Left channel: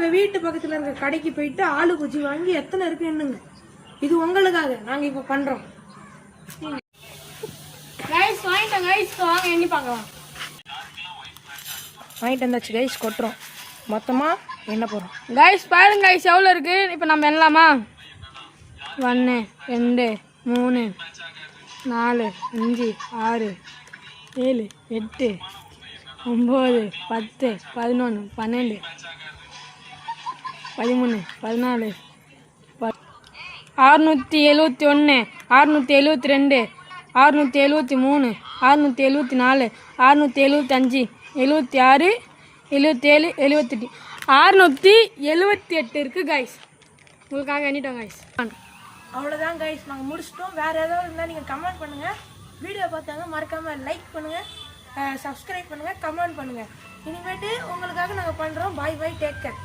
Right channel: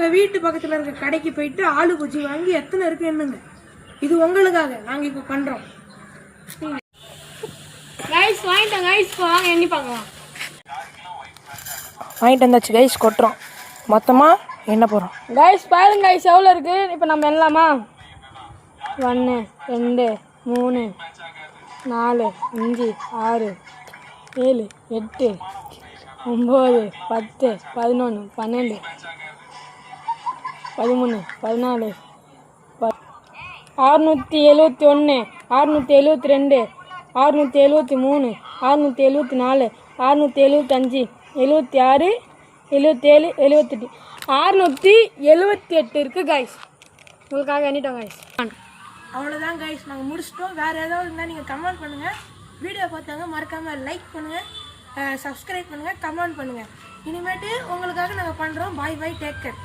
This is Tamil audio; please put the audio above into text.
உங்கள் வீட்டு பக்கத்தில் இருக்க கடைக்கு போயிட்டு ஆளு குச்சி வாங்கி எத்தனை இருக்கு என்னங்க. இது உங்களுக்காக நாங்கள் இப்போ பண்ணுறோம். கைஸ் வாங்கிட்டோம் கைஸ், வாங்க எண்ணி பார்க்கலாம். வாங்கிட்டு வந்தாச்சு கைஸ், கொட்டுறோம். மொத்தமாக எண்ண போகிறோம் கைஸ். பாருங்க கைஸ் எவ்வளோ இருக்குது. இப்போ நம்ம எண்ணலாமா? 1 2 3 4 5 6 7 8 9 10 11 12 13 14 671 672 673 674 675 76 77 78 678 இருக்குது கைஸ். உங்களுக்காக எண்ணிட்டோம் கைஸ். அவ்வளோதான் கைஸ், நாங்கள் முடிச்சிட்டோம். வேறு ஏதாவது இருந்தால் நீங்கள் கமெண்ட் பண்ணுங்கள். வீடியோ பார்த்தாங்க மறக்காமல் லைக் பண்ணுங்கள், சப்ஸ்கிரைப் பண்ணுங்கள், கமெண்ட் பண்ணுங்கள். இனிமேட்டு உங்களுக்காக நாங்கள் பண்ணுறோம். பாய் பாய், டேக் கேர்.